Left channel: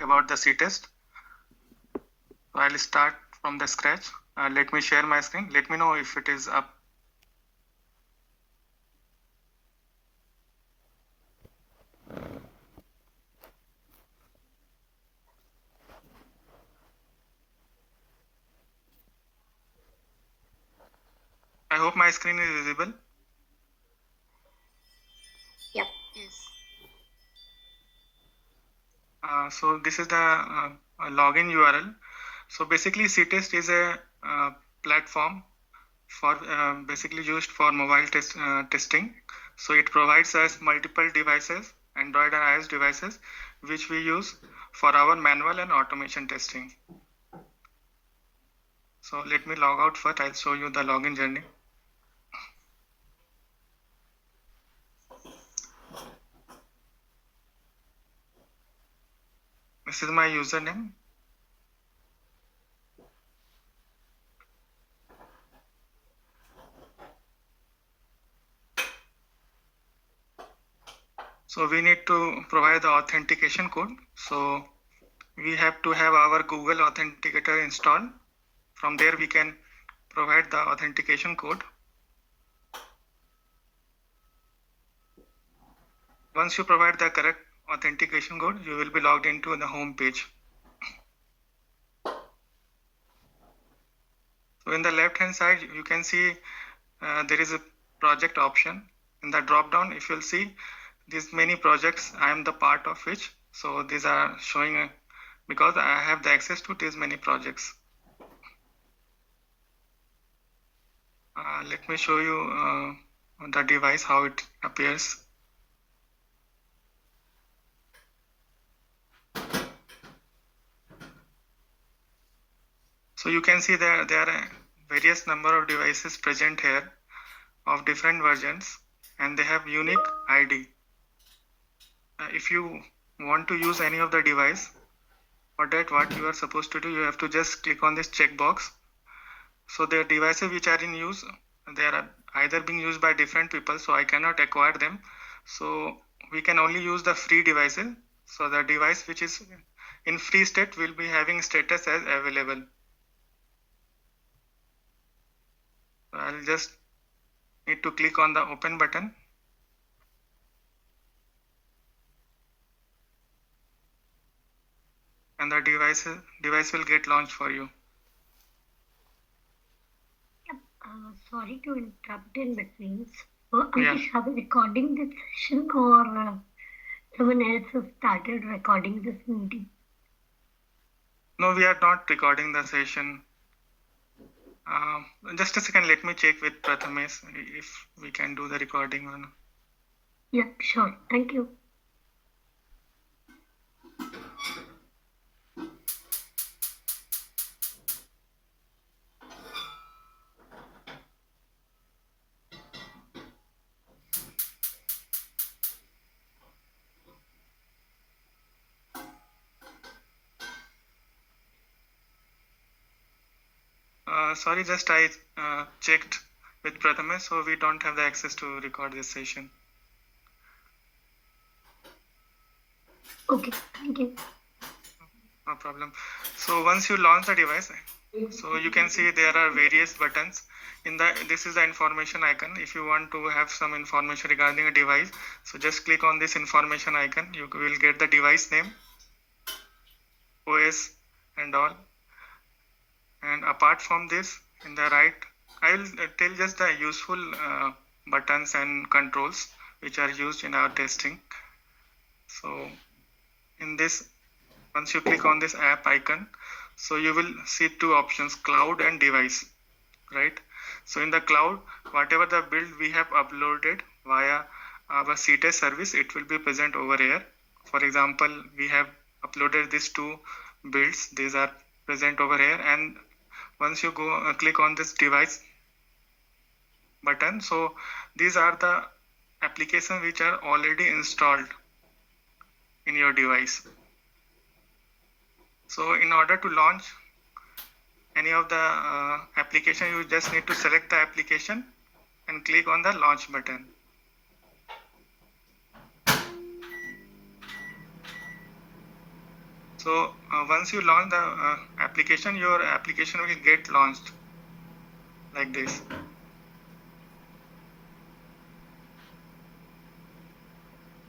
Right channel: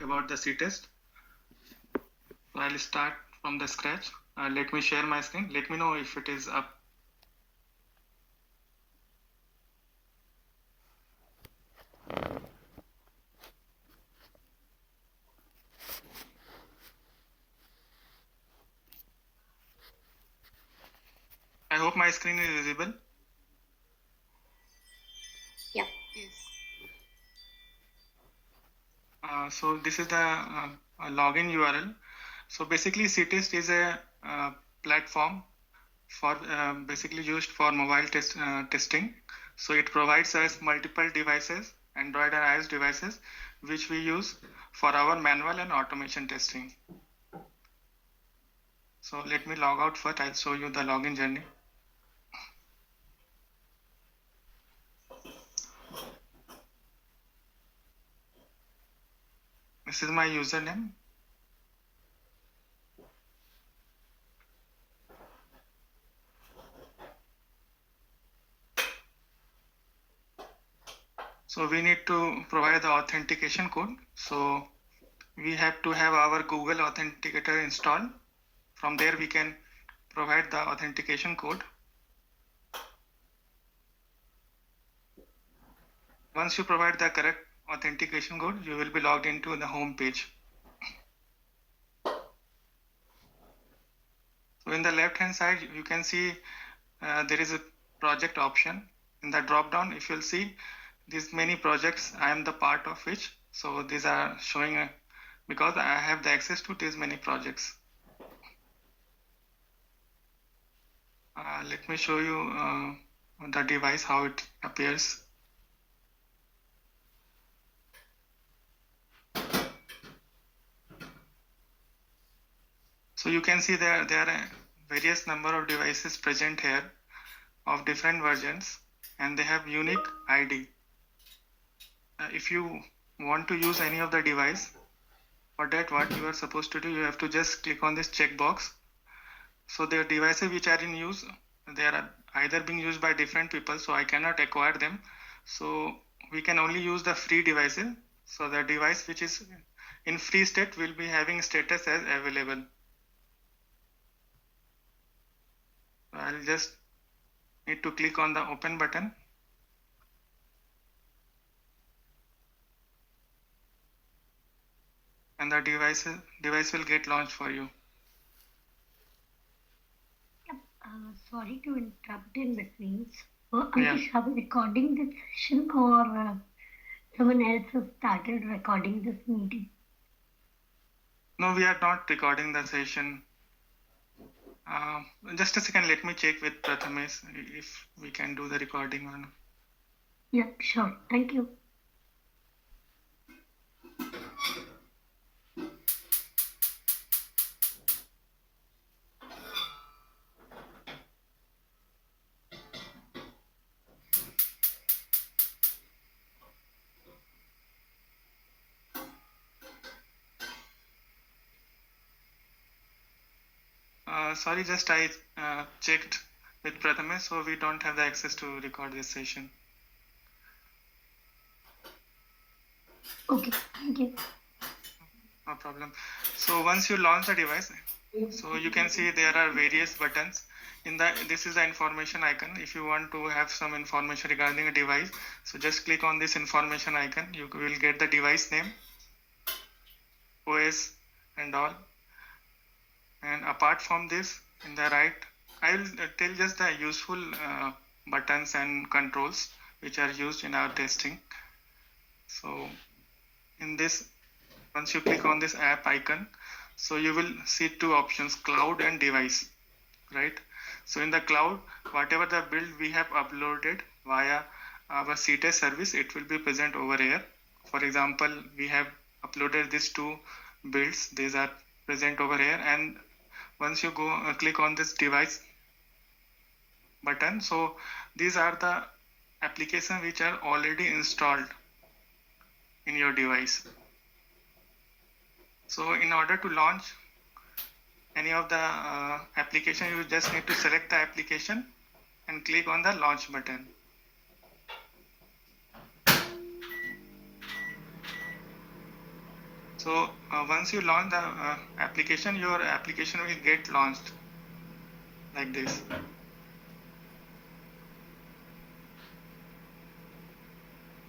about the C-test. So I'll start from the scratch. Let me share my screen. Let me know if it is up. I hope my screen is visible. Yep. Yes. So this is the login URL. So basically C-test is a platform for basically used for mobile testing. So it provides us multiple devices, Android and iOS devices, which we use for our manual and automation testing. So let me log out first. I'll show you the login journey. This is my username. So we need to provide the authentication code. So we have to have our Google Authenticator installed. From there we can provide the authentication code. Once you provide the correct authentication code, you will be logged into the home page. So in the left hand side, you can see there is a project option. In the drop down, if you'll see these many projects, I am the part of which. So these are showing because I have the access to these many projects. Let me show you the device, how it appears. So you can see there are various number of devices present here of different versions, and they have unique ID. If you want to use any of the device, for that what you are supposed to do, you have to just click on this checkbox. So the devices which are in use, they are either being used by different people, so I cannot acquire them. So we can only use the free devices. So the device which is in free state will be having status as available. I'll just need to click on the open button. And the device will get launched for you. Sorry to interrupt in between. So are we recording this session or someone else has started recording this meeting? No, we are not recording the session. Just a second, let me check with Prathamesh if we can do the recording or not. Yeah, sure. Thank you. Sorry, just I checked with Prathamesh, so we don't have the access to record this session. Okay, thank you. No problem. So once you launch the device, so you can see there are various buttons. This is the information icon. If you want to have some information regarding a device, so just click on this information icon. You will get the device name, OS and all. And apart from this, in the right, I will tell just the useful buttons and controls which are used in our testing. So in this, once you click on this app icon, so you will see two options, cloud and device, right? So in the cloud, whatever the build we have uploaded via our C-test service, it will be present over here. For example, we have uploaded these two builds. These are present over here, and once you go click on this device button, so these are the applications which are already installed in your device. So in order to launch any of the application, you just need to select the application and click on the launch button. So once you launch the application, your application will get launched like this.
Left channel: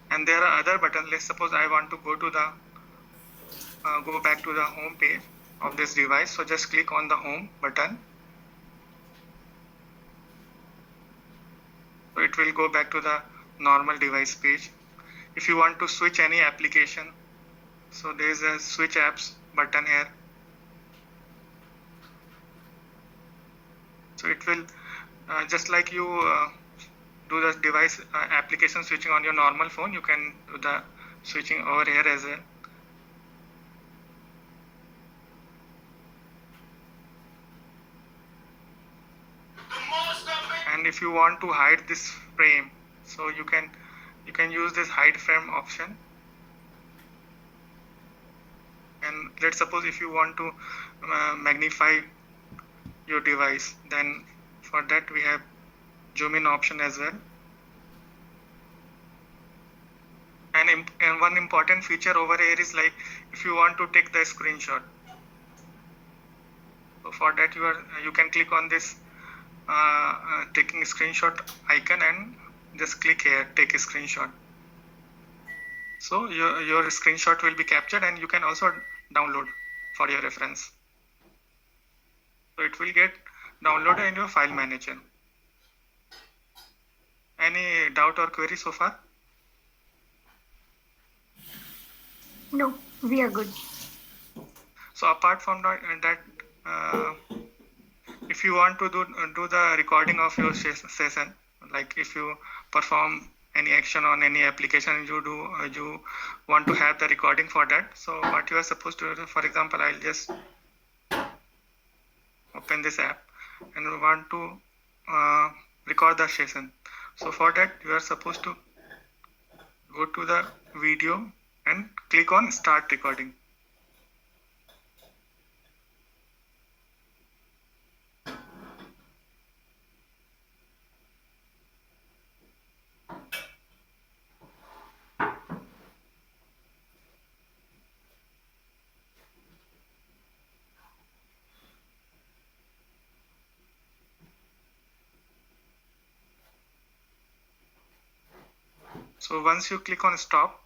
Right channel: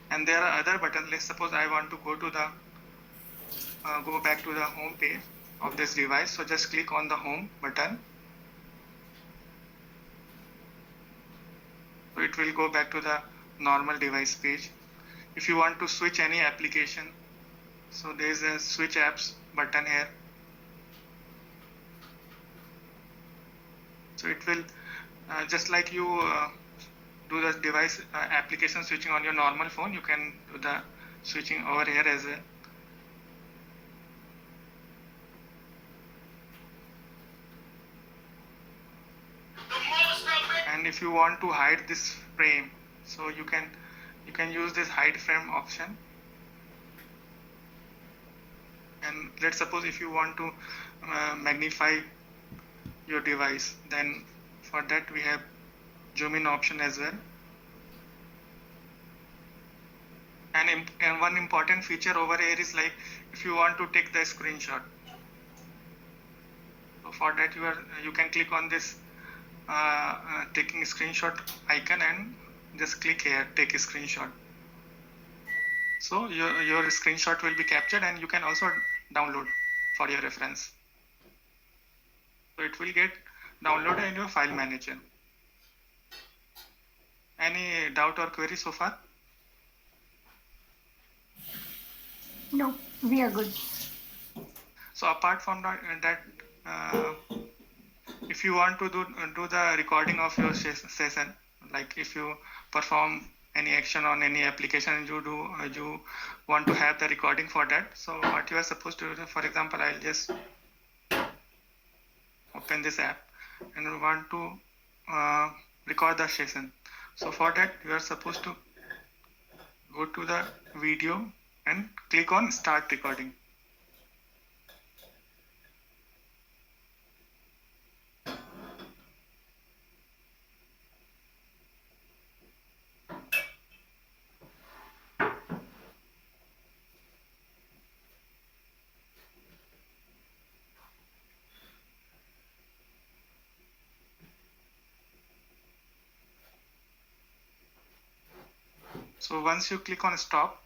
And there are other buttons. Let's suppose I want to go back to the home page of this device. So just click on the home button. So it will go back to the normal device page. If you want to switch any application, so there is a switch apps button here. So it will just like you do the device application switching on your normal phone, you can do the switching over here as well. And if you want to hide this frame, so you can use this hide frame option. And let's suppose if you want to magnify your device, then for that we have zoom in option as well. And one important feature over here is like if you want to take the screenshot, so for that you can click on this taking screenshot icon and just click here, take a screenshot. So your screenshot will be captured and you can also download for your reference. So it will get downloaded in your file manager. Any doubt or query so far? No, we are good. So apart from that if you want to do the recording of your session, like if you perform any action on any application, you want to have the recording for that. So what you are supposed to do, for example, I'll just open this app and we want to record the session. So for that you are supposed to go to the video and click on start recording. So once you click on stop,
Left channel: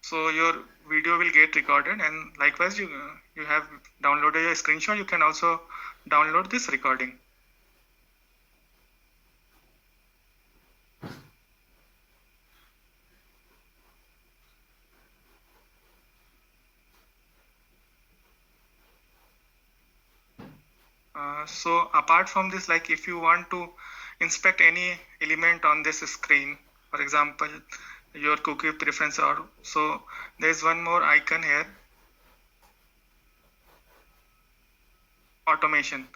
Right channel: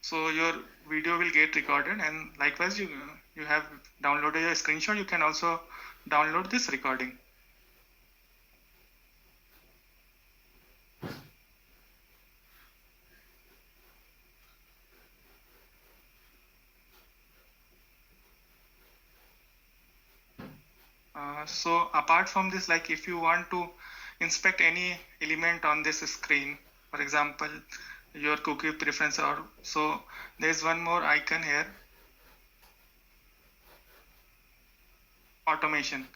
so your video will get recorded, and likewise you have downloaded a screenshot, you can also download this recording. So apart from this, like if you want to inspect any element on this screen, for example your cookie preference, or so there's one more icon here, automation.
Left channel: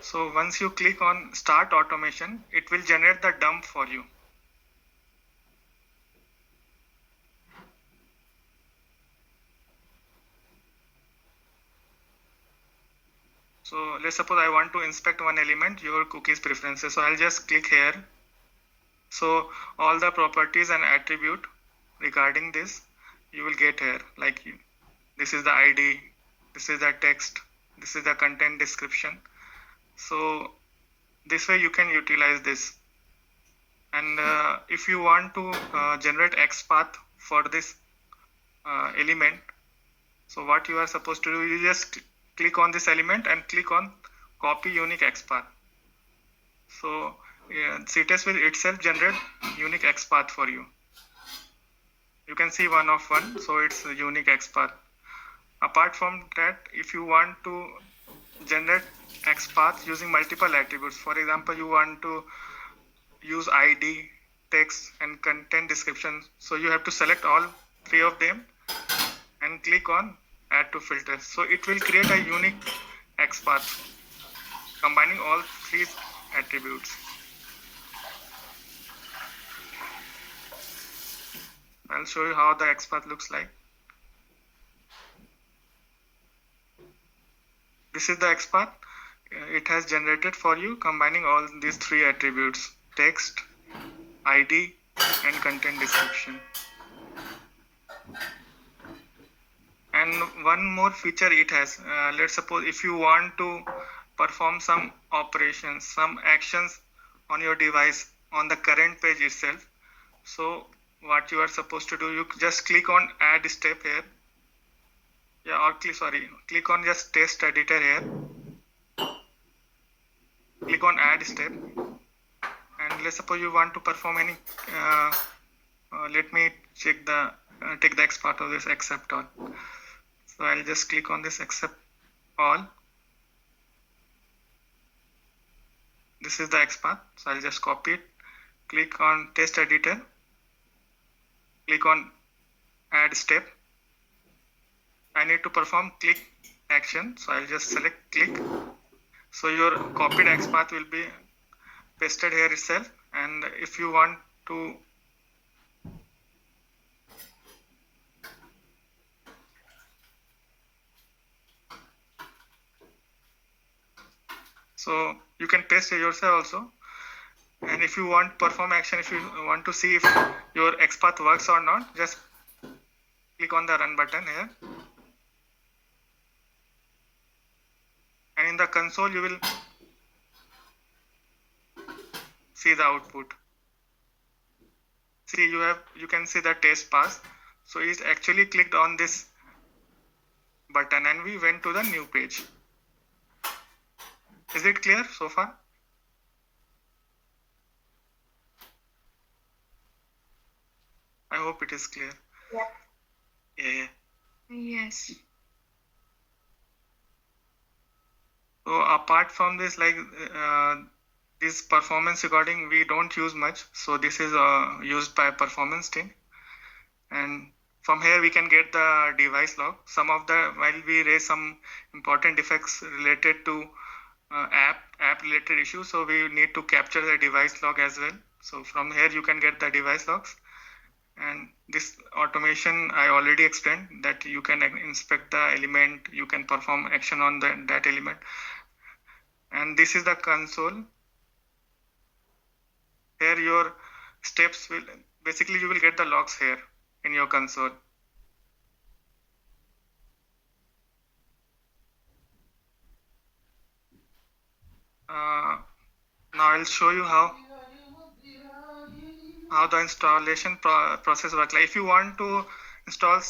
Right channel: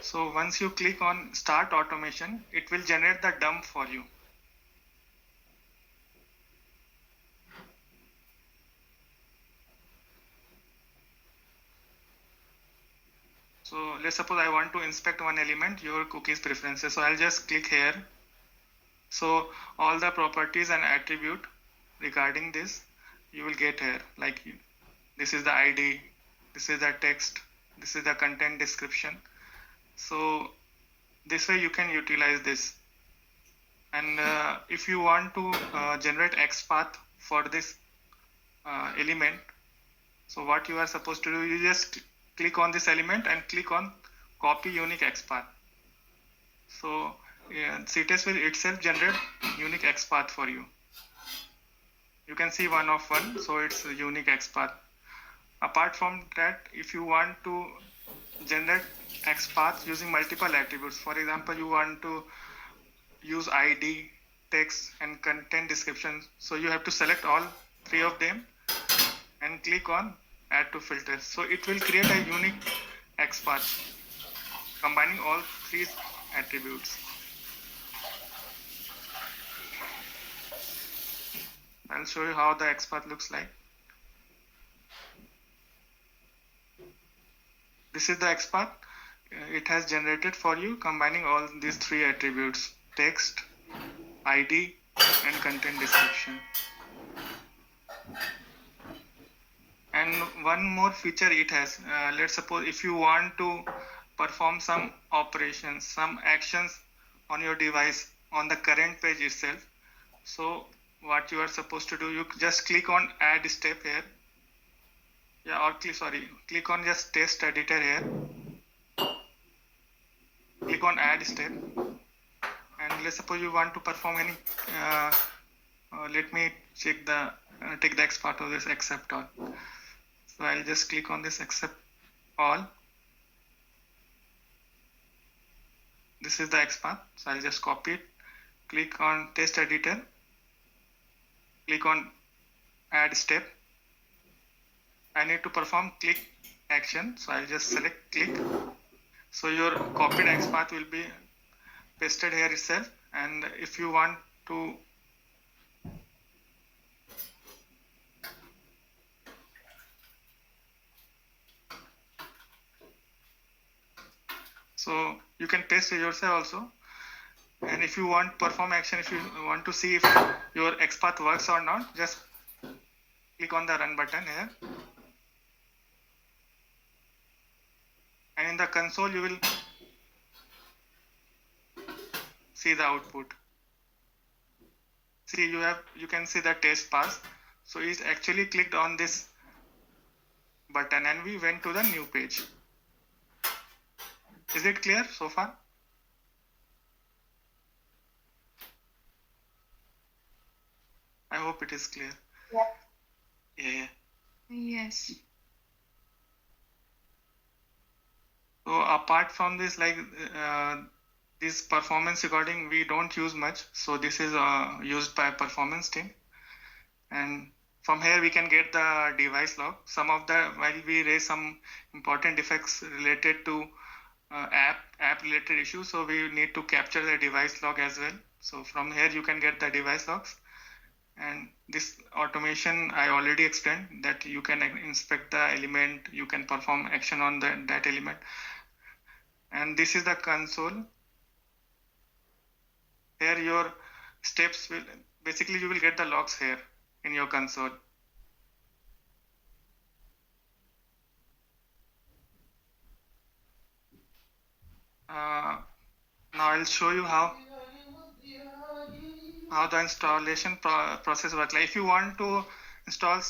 So once you click on start automation, it will generate the dump for you. So let's suppose I want to inspect one element, your cookies preferences. So I'll just click here. So all the properties and attribute regarding this you will get here, like this is the ID, this is the text, this is the content description. So this way you can utilize this. And if you want to generate XPath for this element, so what you are supposed to do, you just click on this element and click on copy unique XPath. So CTES will itself generate unique XPath for you. You can see 1 of 1, so it's a unique XPath. Apart from that, if you want to generate XPath using multiple attributes, for example you want to use ID, text and content description, so you have to select all 3 of them and click on add to filters. So it will create a unique XPath combining all 3 attributes. I'll show you how the XPath looks like. This is the XPath. It has generated for you combining all these 3 attributes: text, ID and content description. And one more feature it has, let's suppose if you want to perform some operations, some actions on your device on the current page itself. So what you are supposed to do, you just click on add step here. Yeah, or click on just test editor here. Click on add step. And let's suppose you want to perform any, let me take the X part of this accept all. So I'll just click on this accept all. This is the X path. So I'll just copy it. Click on test editor. Click on add step. I need to perform click action. So I'll just select click. So your copied X path will be pasted here itself. And if you want to so you can paste it yourself also. And if you want perform action, if you want to see if your XPath works or not, just click on the run button here. And in the console, you will see the output. See, you can see the test pass. So it's actually clicked on this button and we went to the new page. Is it clear so far? I hope it is clear. Yeah. Yes. So apart from this, like this performance recording, we don't use much. So this is used by performance team. And from here we can get the device log. While we raise some important defects related to app related issues, so we need to capture the device log as well. So from here you can get the device logs. And this automation I already explained, that you can inspect the element, you can perform action on that element. And this is the console. Here your steps will, basically you will get the logs here in your console. Now I'll show you how the installation process works. Like if you want to install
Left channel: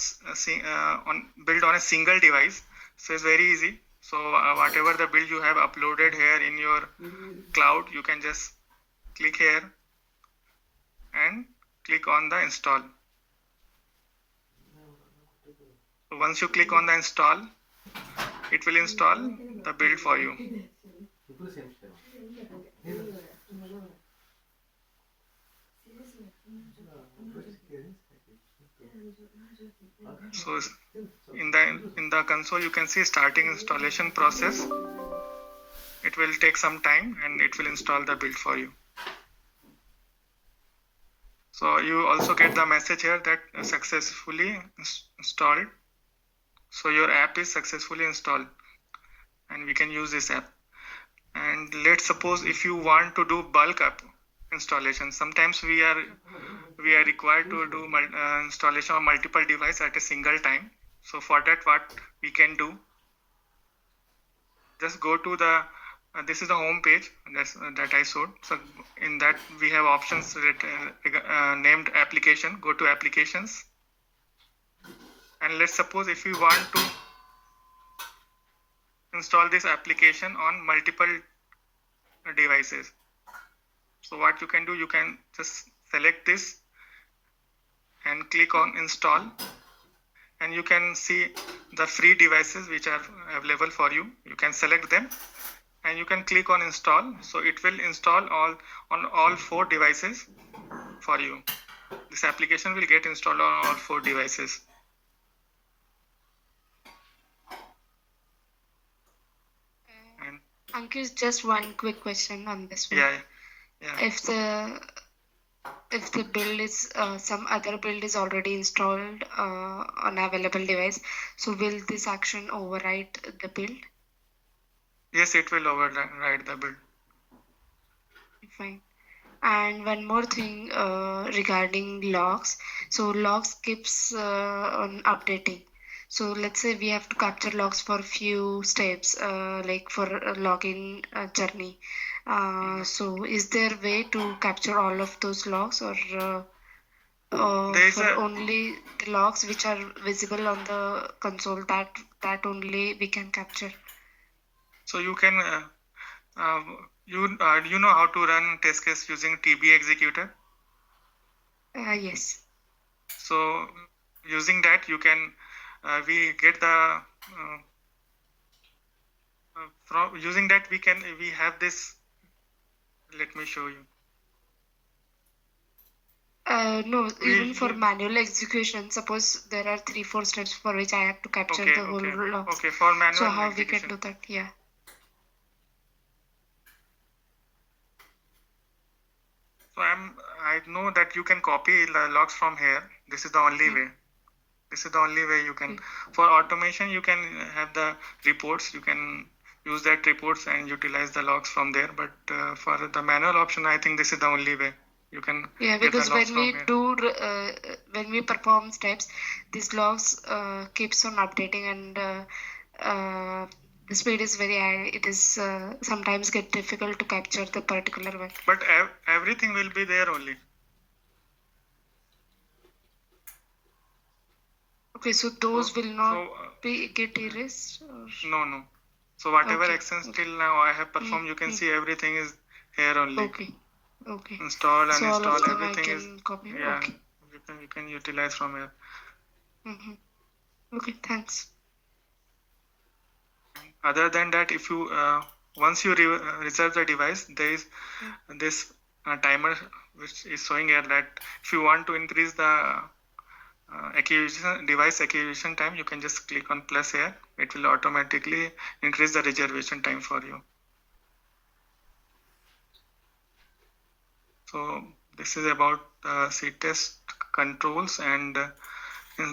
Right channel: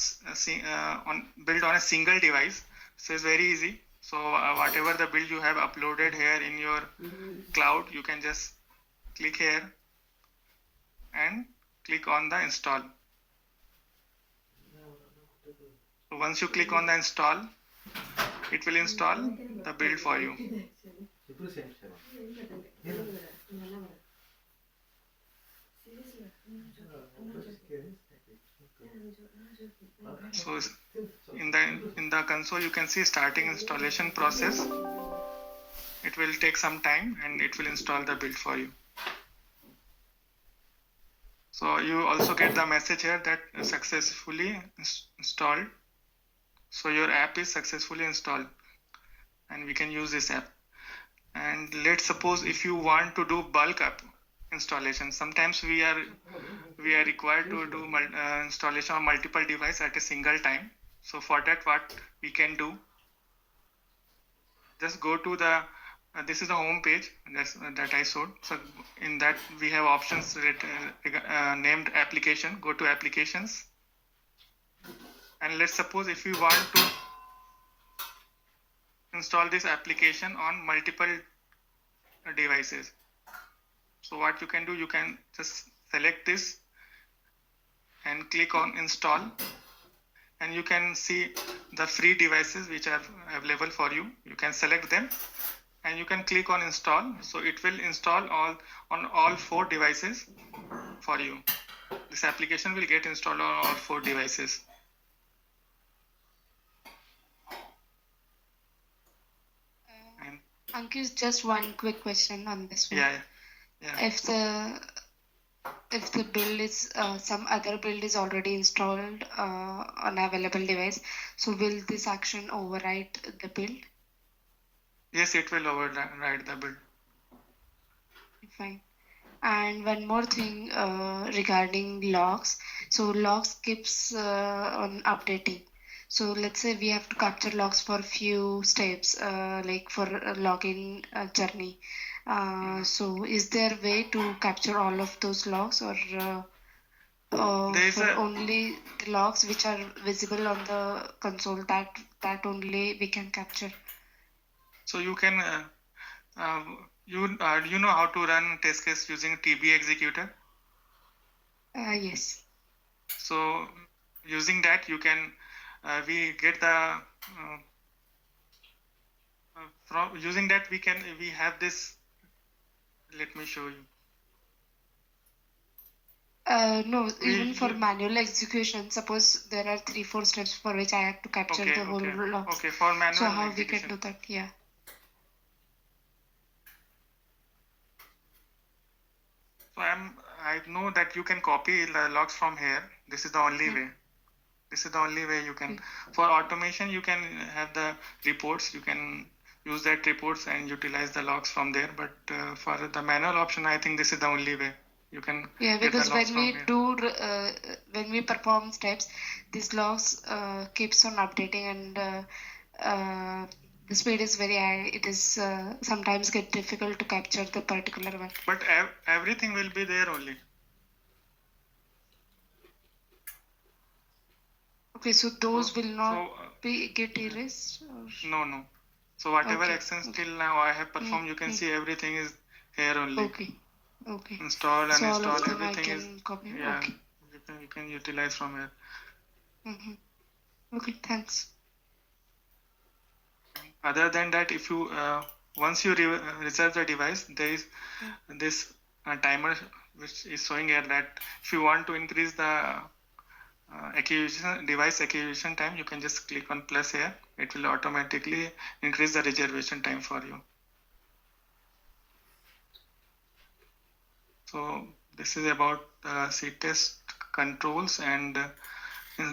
build on a single device, so it's very easy. So whatever the build you have uploaded here in your cloud, you can just click here and click on the install. So once you click on the install, it will install the build for you. So in the console you can see starting installation process. It will take some time and it will install the build for you. So you also get the message here that successfully installed. So your app is successfully installed and we can use this app. And let's suppose if you want to do bulk app installation, sometimes we are required to do installation of multiple devices at a single time. So for that, what we can do, just go to the this is the home page that I showed. So in that we have options named application. Go to applications, and let's suppose if you want to install this application on multiple devices. So what you can do, you can just select this and click on install, and you can see the free devices which are available for you. You can select them and you can click on install. So it will install on all 4 devices for you. This application will get installed on all 4 devices. Ankit, just one quick question on this one. Yeah. If the build is some other build is already installed on available device, so will this action override the build? Yes, it will override the build. Fine. And one more thing regarding logs. So logs keeps on updating. So let's say we have to capture logs for few steps, like for a logging journey. So is there way to capture all of those logs, or There is for a only the logs which are visible on the console, that only we can capture? so you can you know how to run test case using TB executor. Yes. So using that you can we get the from using that we have this. Let me show you. No, We even for manual execution, suppose there are 3-4 steps for which I have to capture the whole logs. Okay, for manual So how execution. we can do that? Yeah. So I know that you can copy the logs from here. This is the only way. This is the only way you can. For automation, you can have the reports. You can use that reports and utilize the logs from there. But for the manual option, I think this is the only way you can. Yeah, because when we do when we perform steps, these logs keeps on updating, and the speed is very high. It is sometimes get difficult to capture the particular one. But everything will be there only. Okay, so those will not be get erased? Or? No. So whatever actions till now I have performed, you can see everything is here only. Okay. Install, so uninstall, all of them everything I is can copy. yeah. Okay. You can utilize from here. Okay, thanks. Other than that, if you once you reserve the device, there is this timer which is showing here that if you want to increase the device acquisition time, you can just click on plus here. It will automatically increase the reservation time for you. So this is about CTest controls and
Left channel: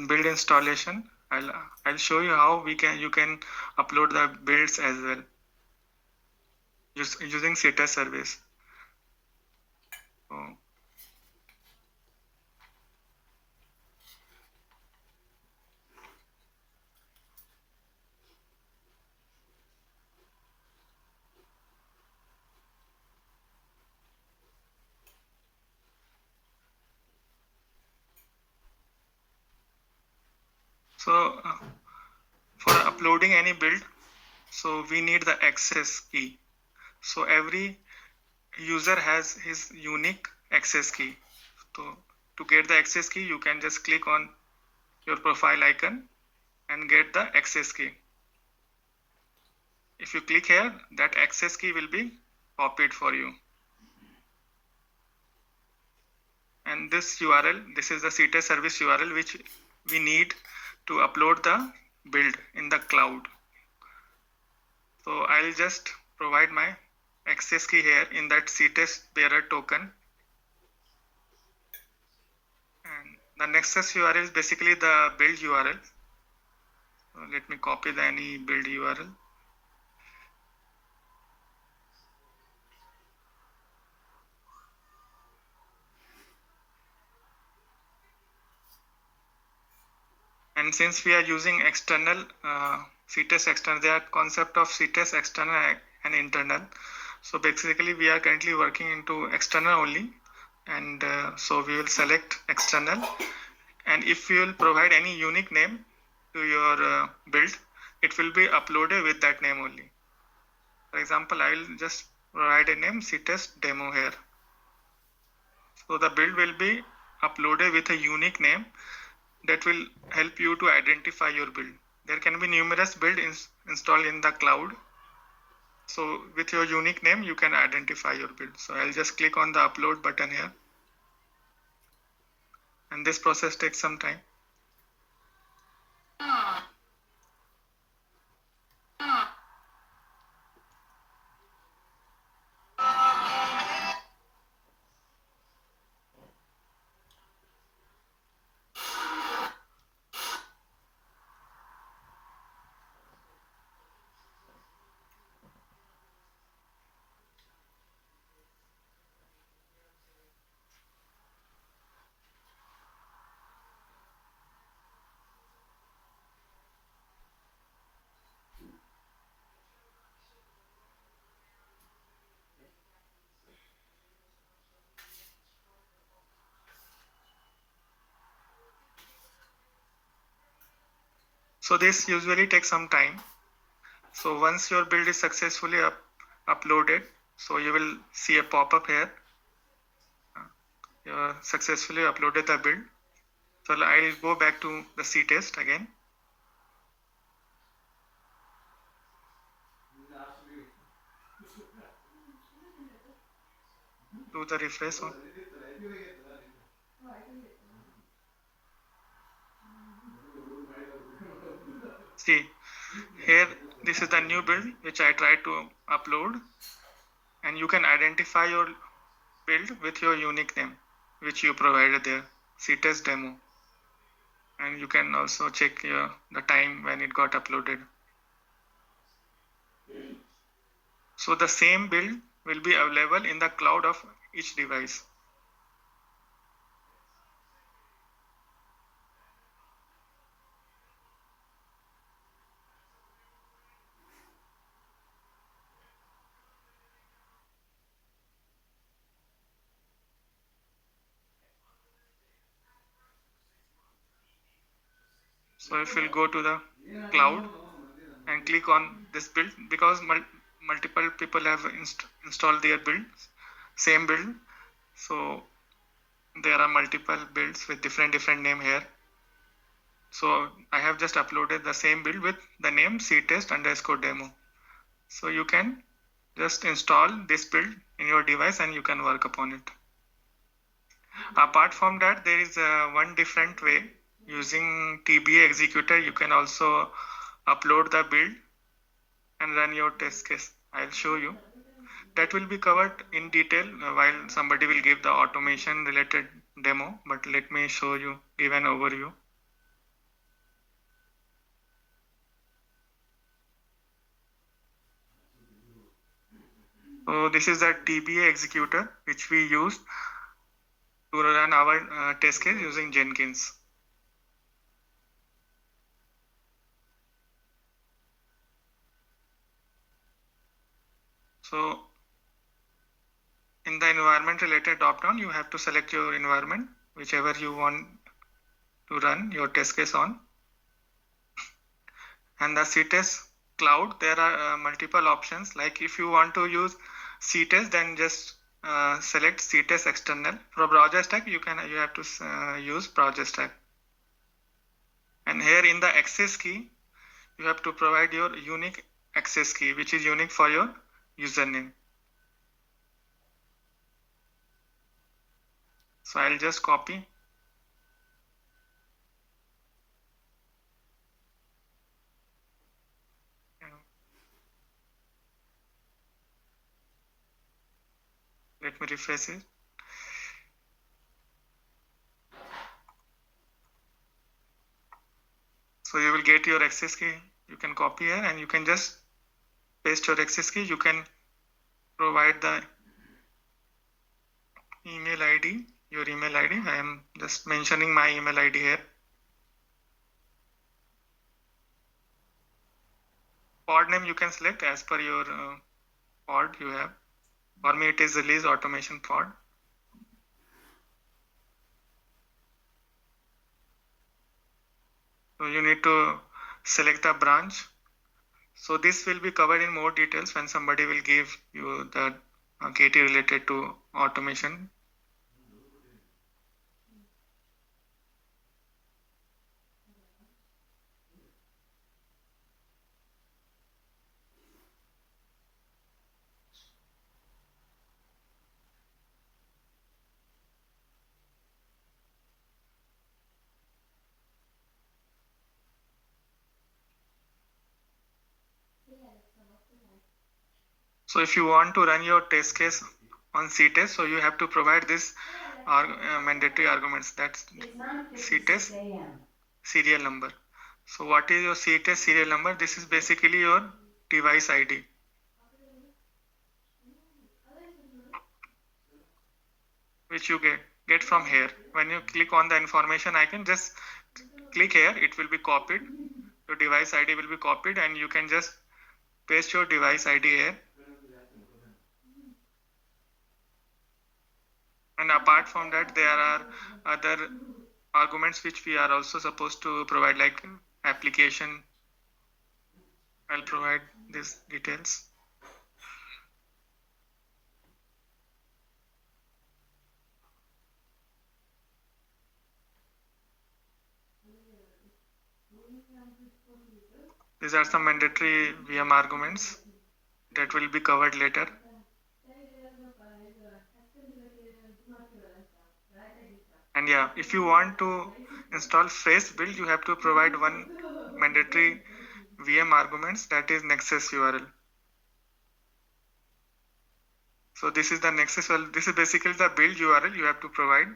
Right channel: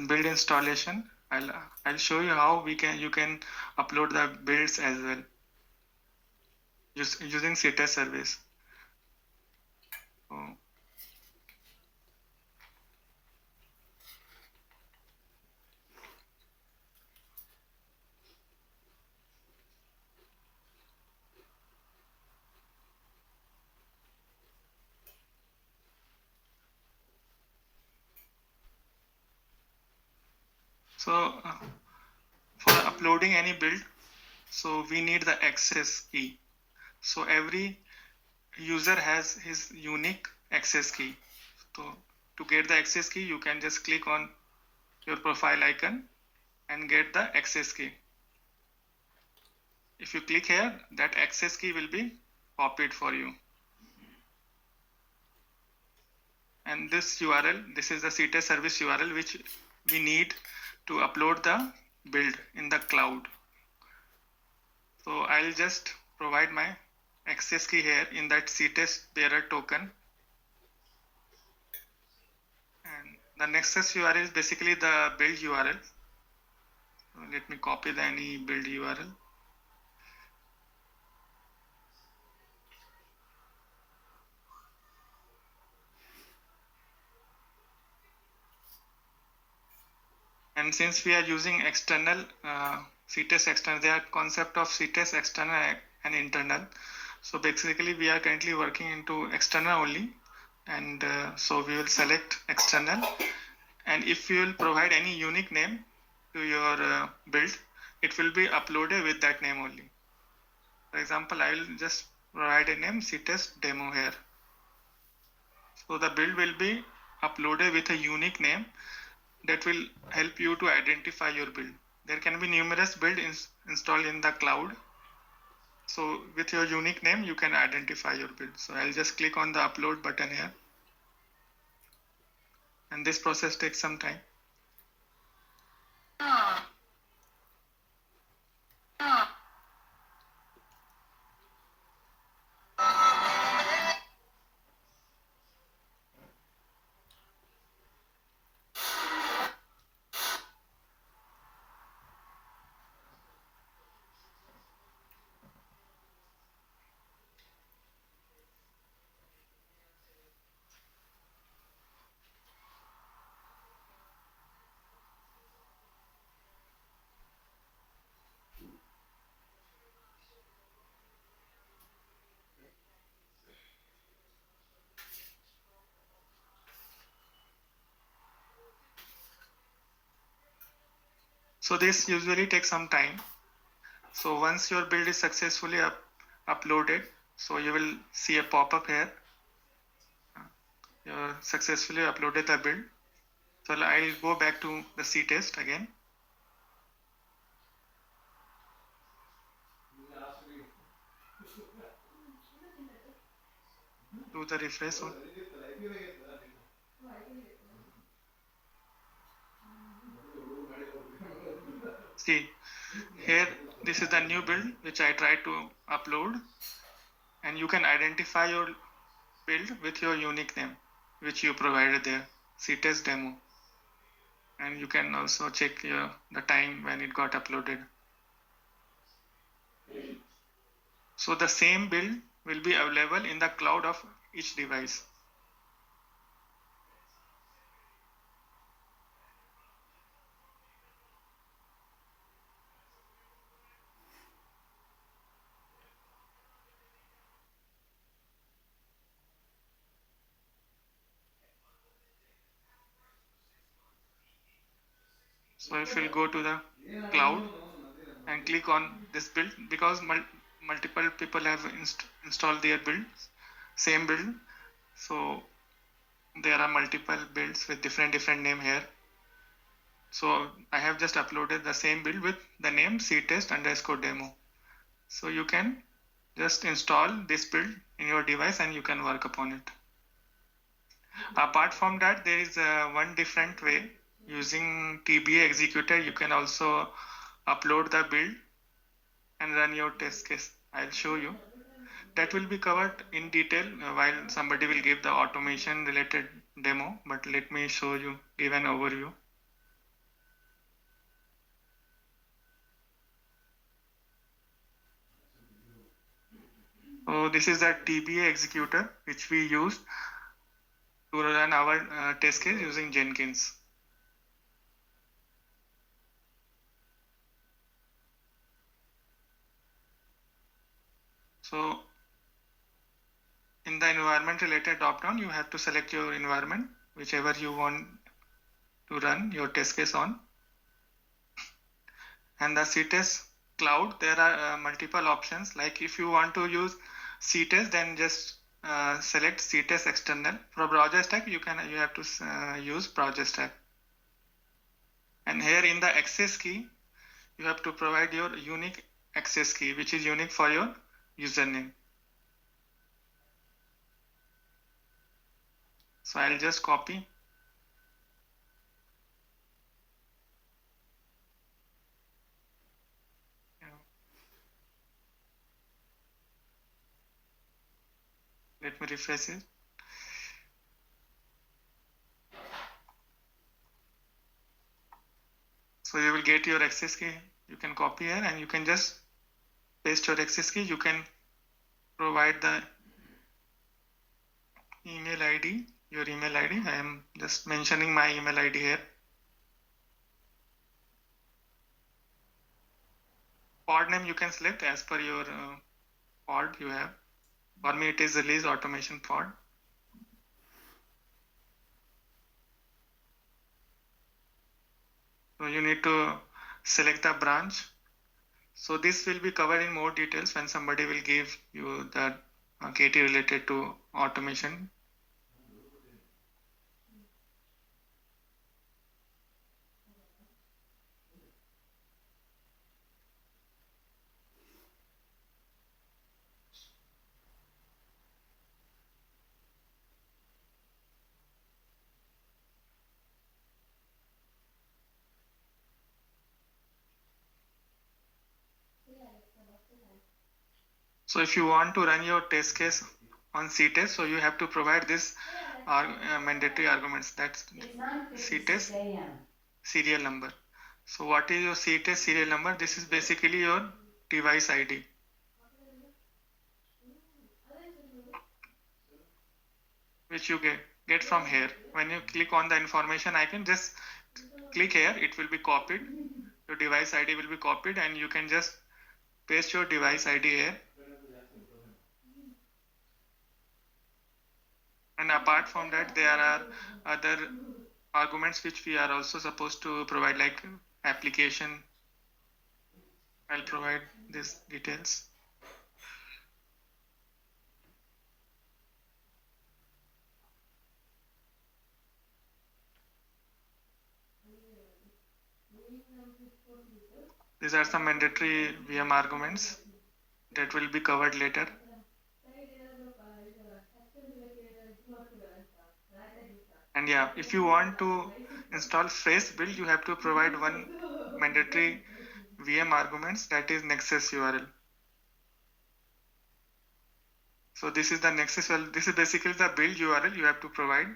build installation. I'll show you how you can upload the builds as well using CTest service. So for uploading any build, so we need the access key. So every user has his unique access key. So to get the access key, you can just click on your profile icon and get the access key. If you click here, that access key will be copied for you. And this URL, this is the CTest service URL which we need to upload the build in the cloud. So I'll just provide my access key here in that CTest bearer token. And the Nexus URL is basically the build URL. So let me copy any build URL. And since we are using external CTest external, there are concept of CTest external and internal. So basically we are currently working into external only, and so we will select external, and if you will provide any unique name to your build, it will be uploaded with that name only. For example, I will just provide a name CTest demo here. So the build will be uploaded with a unique name that will help you to identify your build. There can be numerous builds installed in the cloud. So with your unique name, you can identify your build. So I'll just click on the upload button here. And this process takes some time. So this usually takes some time. So once your build is successfully uploaded, so you will see a pop-up here. You successfully uploaded the build. So I'll go back to the C-test again. Do the refresh on. See, here this is the new build which I tried to upload, and you can identify your build with your unique name which you provided there, C-test demo. And you can also check the time when it got uploaded. So the same build will be available in the cloud of each device. So if we'll go to the cloud and click on this build, because multiple people have installed their build, same build. So there are multiple builds with different name here. So I have just uploaded the same build with the name ctest_demo. So you can just install this build in your device and you can work upon it. Apart from that, there is one different way. Using TBA executor, you can also upload the build and run your test case. I'll show you. That will be covered in detail while somebody will give the automation related demo, but let me show you, give an overview. So this is the TBA executor which we use to run our test case using Jenkins. So in the environment related drop-down, you have to select your environment, whichever you want to run your test case on. And the C-test cloud, there are multiple options. Like if you want to use C-test, then just select C-test external. For browser stack, you have to use browser stack. And here in the access key, you have to provide your unique access key, which is unique for your username. So I'll just copy. Let me refresh it. So you will get your access key. You can copy here and you can just paste your access key. You can provide the email ID, your email ID. I am just mentioning my email ID here. Pod name you can select as per your pod you have. For me, it is release automation pod. So you need to select the branch. So this will be covered in more details when somebody will give you the KT related to automation. So if you want to run your test case on C-test, so you have to provide this mandatory arguments. That's C-test serial number. So what is your C-test serial number? This is basically your device ID. Which you get from here. When you click on the information icon, just click here. It will be copied. Your device ID will be copied and you can just paste your device ID here. And apart from that, there are other arguments which we are also supposed to provide, like application. I'll provide these details. These are some mandatory VM arguments that will be covered later. And yeah, if you want to install fresh build, you have to provide one mandatory VM arguments, that is Nexus URL. So this is the Nexus URL. This is basically the build URL you have to provide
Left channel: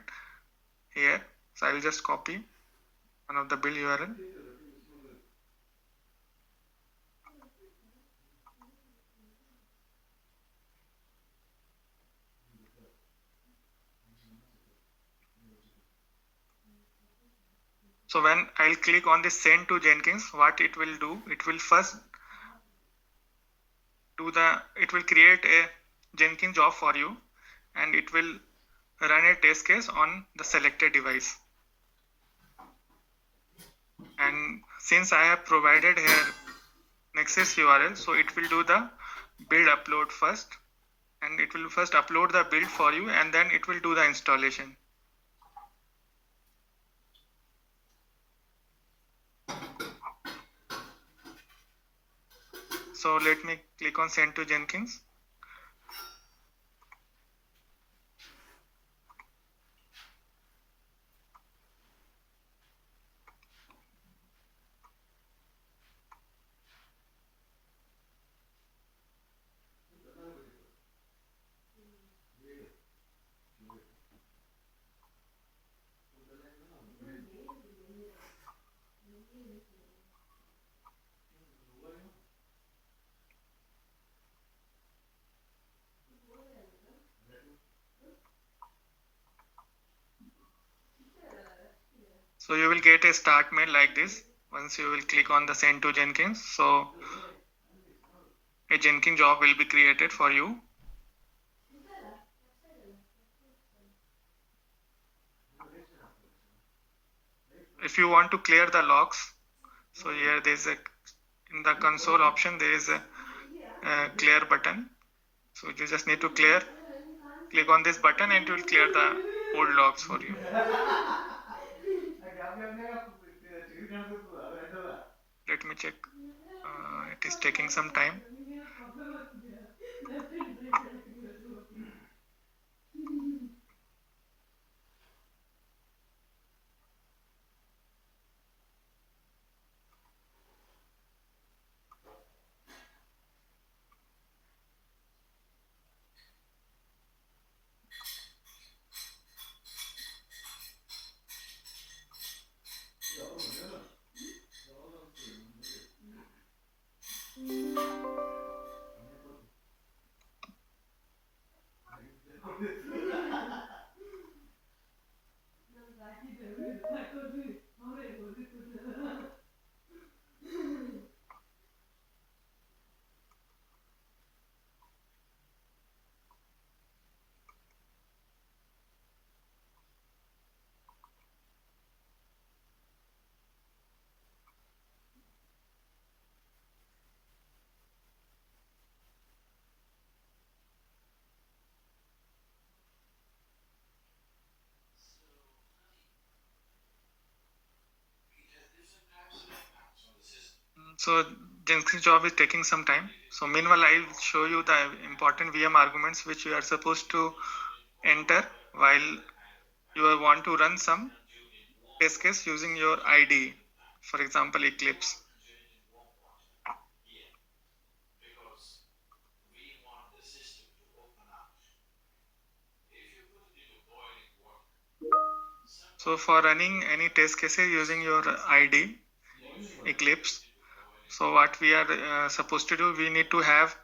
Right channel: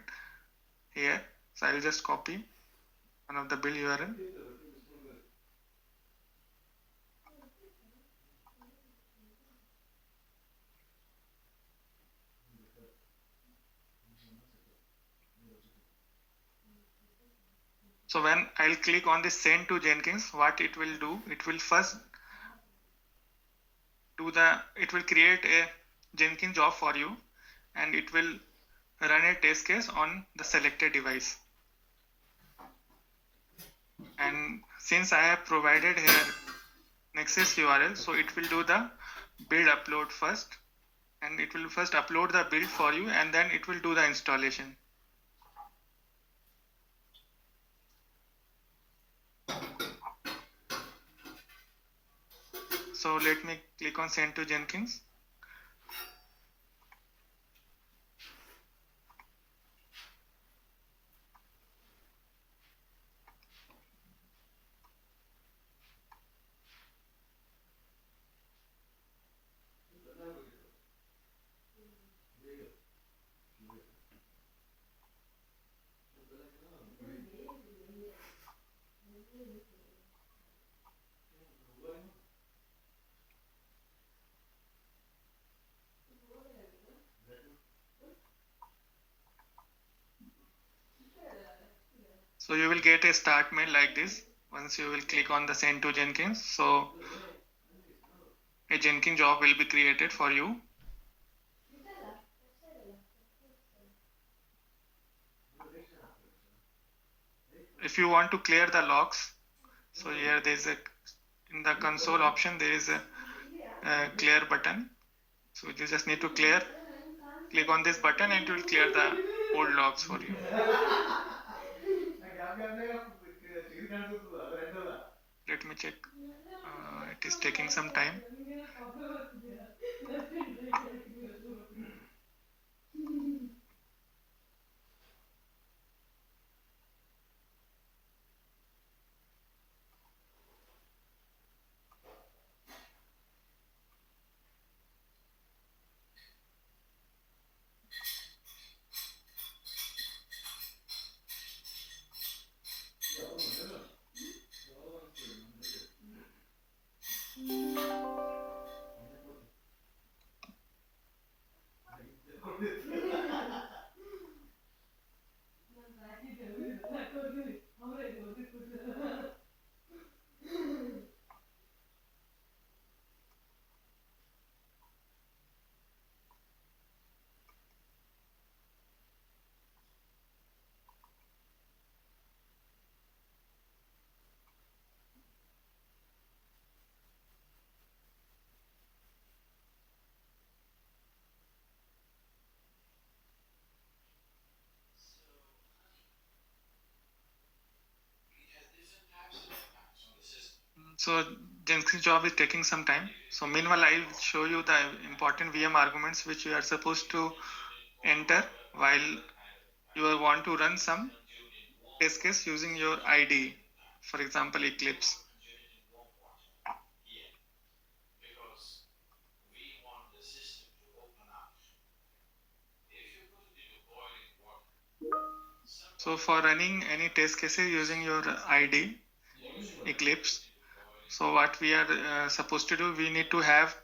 here. So I will just copy one of the build URL. So when I'll click on this send to Jenkins, what it will do, it will first it will create a Jenkins job for you, and it will run a test case on the selected device. And since I have provided here Nexus URL, so it will do the build upload first, and it will first upload the build for you, and then it will do the installation. So let me click on send to Jenkins. So you will get a start mail like this once you will click on the send to Jenkins. So a Jenkins job will be created for you. If you want to clear the logs, so here there is in the console option there is a clear button. So you just need to click on this button, and it will clear the old logs for you. Let me check. It is taking some time. So Jenkins job is taking some time. So meanwhile, I will show you the important VM arguments which you are supposed to enter while you want to run some test case using your IDE, for example, Eclipse. So for running any test cases using your IDE, Eclipse, so what we are supposed to do, we need to have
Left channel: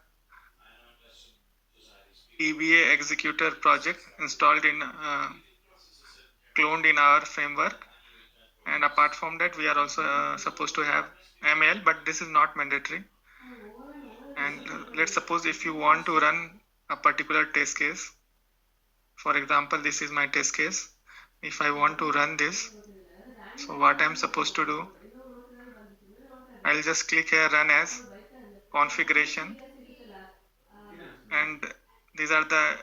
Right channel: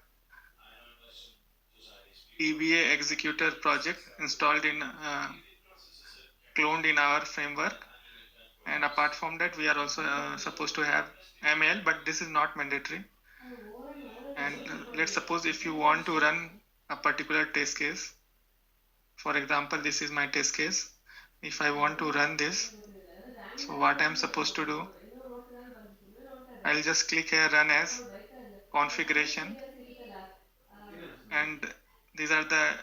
EBA executor project installed in cloned in our framework, and apart from that we are also supposed to have ML, but this is not mandatory. And let's suppose if you want to run a particular test case, for example, this is my test case. If I want to run this, so what I'm supposed to do, I'll just click here run as configuration, and these are the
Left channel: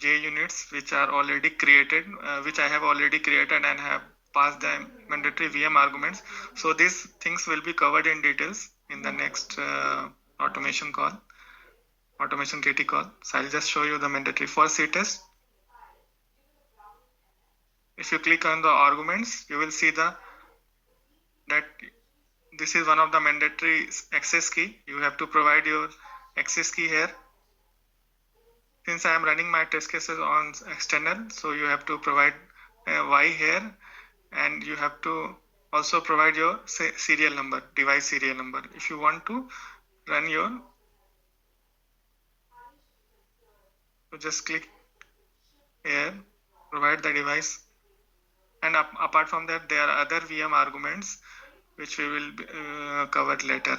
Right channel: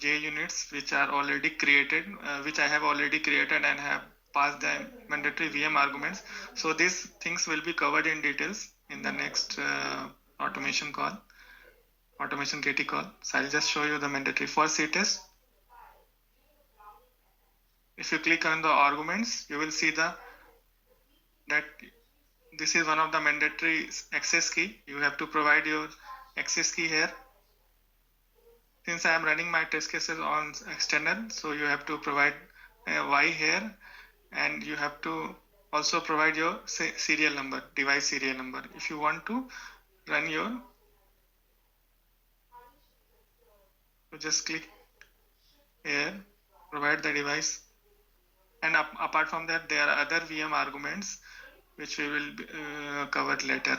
JUnits which are already created, which I have already created and have passed the mandatory VM arguments. So these things will be covered in details in the next automation KT call. So I'll just show you the mandatory for CTest. If you click on the arguments, you will see that this is one of the mandatory access key. You have to provide your access key here. Since I am running my test cases on external, so you have to provide a Y here, and you have to also provide your serial number, device serial number. If you want to run your, so just click here, provide the device, and apart from that, there are other VM arguments which we will cover later.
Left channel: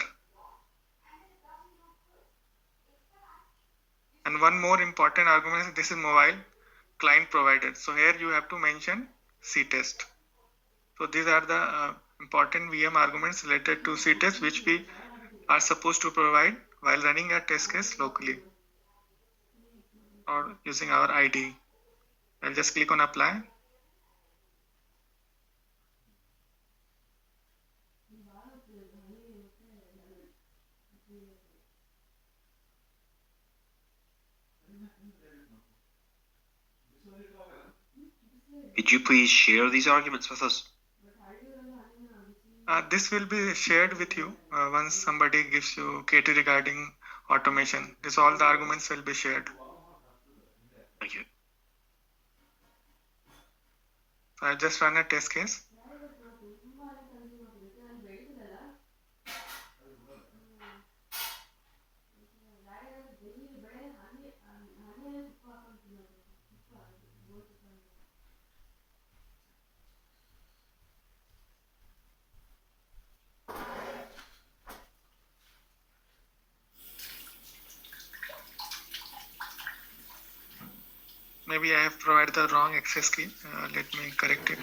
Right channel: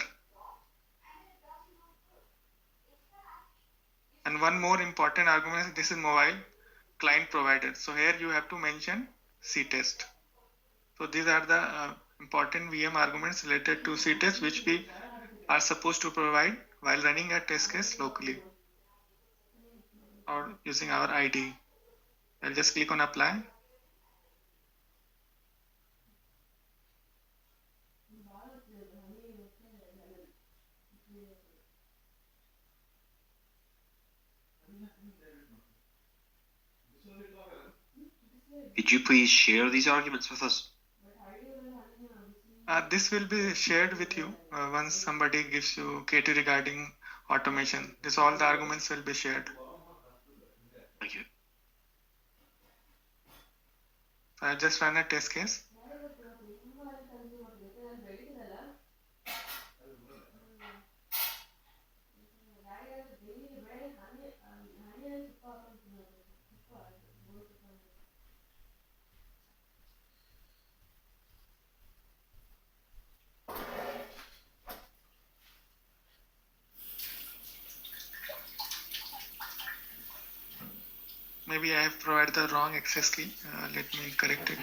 And one more important argument is this is mobile client provided. So here you have to mention CTest. So these are the important VM arguments related to CTest which we are supposed to provide while running a test case locally or using our IDE. I'll just click on apply. Could you please share these arguments with us? This will be shared with you once somebody gives you KT regarding automation. This all the arguments will be shared. Thank you. So I just run a test case. Maybe I have provided the wrong access key. Let me correct it.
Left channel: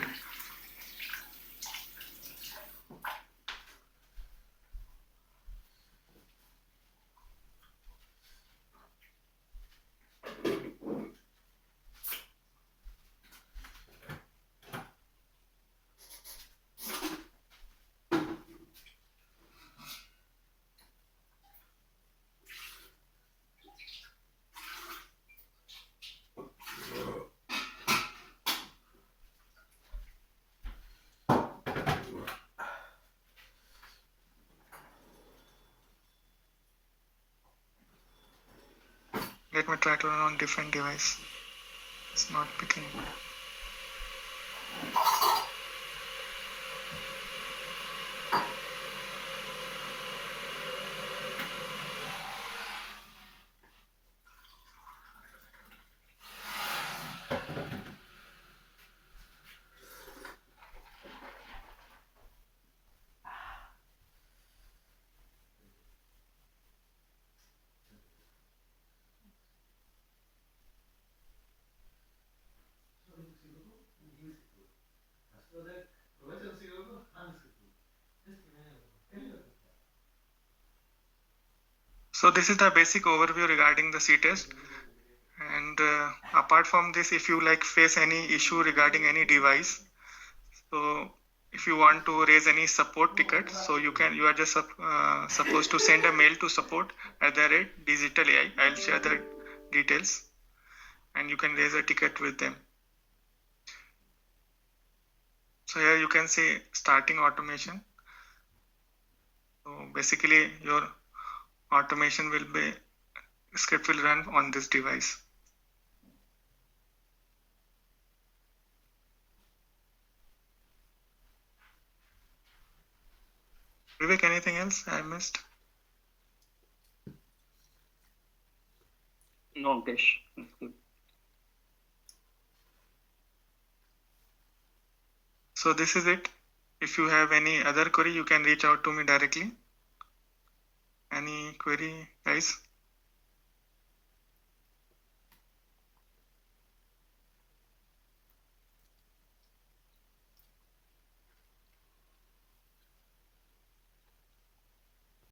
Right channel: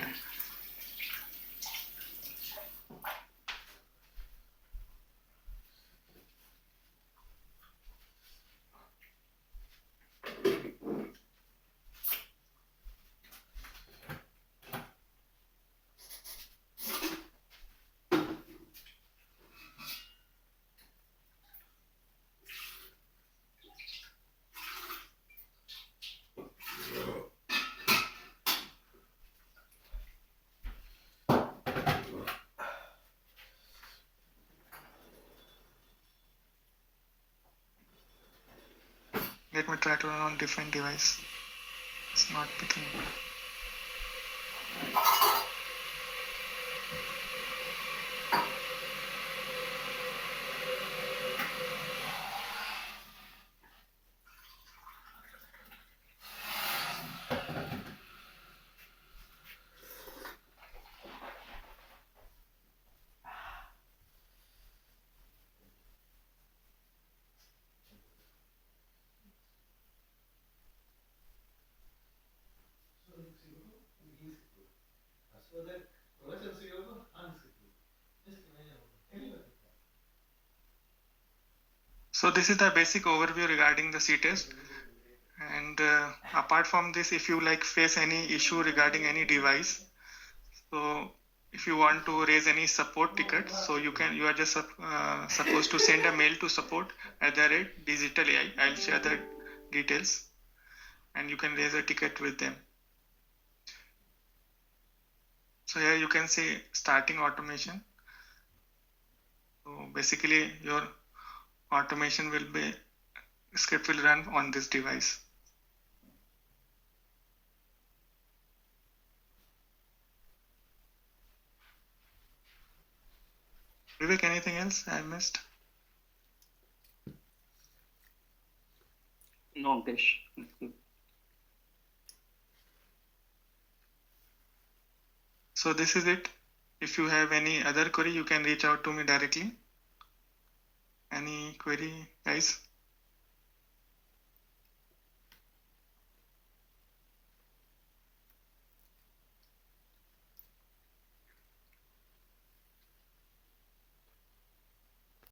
Let me try to run on different device. It's not picking. So this is the basic overview regarding the CTest. And apart from this, if you face any issue regarding any device, so if you want to raise any support ticket, so you are just supposed to send a mail to support@digitalaI. I'll share the details, and you can raise a ticket with them. So here you can see starting automation. So basically your automation script will run on this device. Vivek, anything else I missed? No, Ankesh, that's good. So this is it. If you have any other query, you can reach out to me directly. Any query, guys?